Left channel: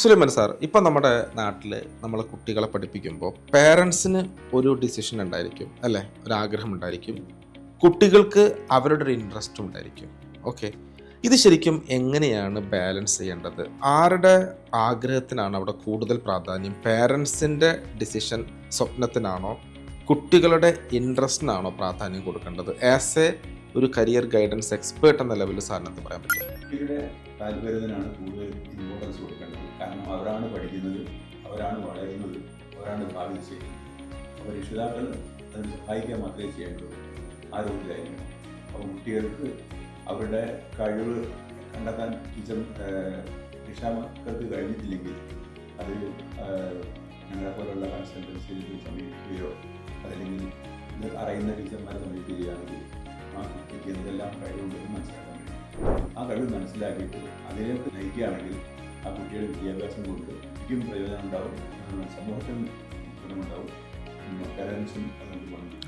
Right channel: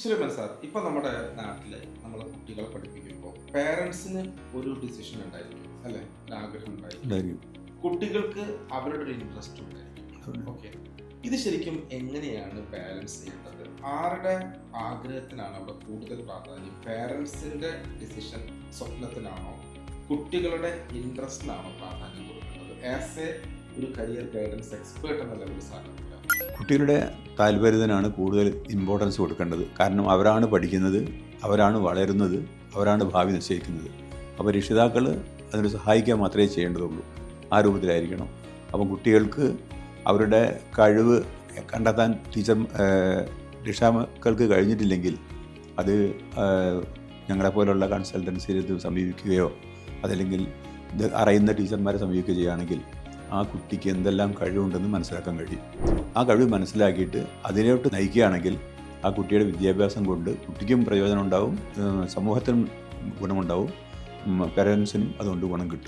Sulaiman sir, ഇപ്പം നമ്മുടെ നാട്ടിൽ നമ്മളെ കുട്ടികളെ പഠിപ്പിക്കുമ്പോൾ പേരൻസിന് ഒരു ഡിസിഷൻ ഉണ്ടായിരിക്കും അല്ലേ, ഒരു ആഗ്രഹം ഉണ്ടായിരിക്കും. കുട്ടികൾക്ക് അവരുടെ ഒരു ഇൻട്രസ്റ്റ് ഉണ്ടായിരിക്കും. ഓക്കെ, ഇത് ശരിക്കും എങ്ങനെയാണ് ബാലൻസ് ചെയ്യേണ്ടത്? ആരുടെ ആഗ്രഹത്തിനാണ് അവിടെ കൂടുതൽ പ്രാധാന്യം? പേരൻസിൻ്റെ ഡിസിഷൻ സ്വപ്നത്തിനാണോ, കുട്ടികളുടെ ഇൻട്രസ്റ്റിനാണോ പ്രാധാന്യം കൊടുക്കേണ്ടത്? ആസ് എ ഒരു കരിയർ ഗൈഡൻസ് എക്സ്പേർട്ട് എന്ന ലെവലിൽ സാറിന് പറയാൻ പറ്റും. കുട്ടികളുടെ താല്പര്യത്തിനാണ് കൂടുതൽ ഇമ്പോർട്ടൻസ് കൊടുക്കേണ്ടത്. കാരണം അവരാണ് പഠിക്കുന്നത്, അവരാണ് വളരുന്നത്, അവരാണ് ഭാവി നിശ്ചയിക്കുന്നത്. അപ്പോൾ രക്ഷിതാക്കൾ അതിന് സഹായിക്കുക മാത്രമേ ചെയ്യേണ്ടതുള്ളൂ. ആ രൂപത്തിലായിരിക്കണം. അപ്പോൾ കുട്ടികൾക്ക് അവരുടെ കഴിവ് കണ്ടെത്താൻ രക്ഷാക്കൾക്ക് കഴിഞ്ഞിട്ടില്ലെങ്കിൽ അത് ഞങ്ങളെപ്പോലുള്ള കൺസൾട്ടൻസിയിൽ സമീപിക്കുകയോ അതല്ലെങ്കിൽ ഇത് അറിയുന്ന ടീച്ചർമാരെ സമീപിക്കുകയോ ചെയ്യുകയാണെങ്കിൽ ആ കുട്ടിക്ക് എന്തെല്ലാം കഴിവുണ്ടെന്ന് മനസ്സിലാക്കാൻ കഴിയും. ആ കഴിവ് മനസ്സിലാക്കിയിട്ട് അതിലോട്ട് നയിക്കുകയാണെങ്കിൽ ആ കുട്ടിയുടെ വിദ്യാഭ്യാസം കൊണ്ട് കുട്ടിക്കും പ്രയോജനം ഉണ്ടാവും, സമൂഹത്തിനും ഗുണമുണ്ടാവും, പേരൻസിനും അതുകൊണ്ട് ഗുണം കിട്ടും.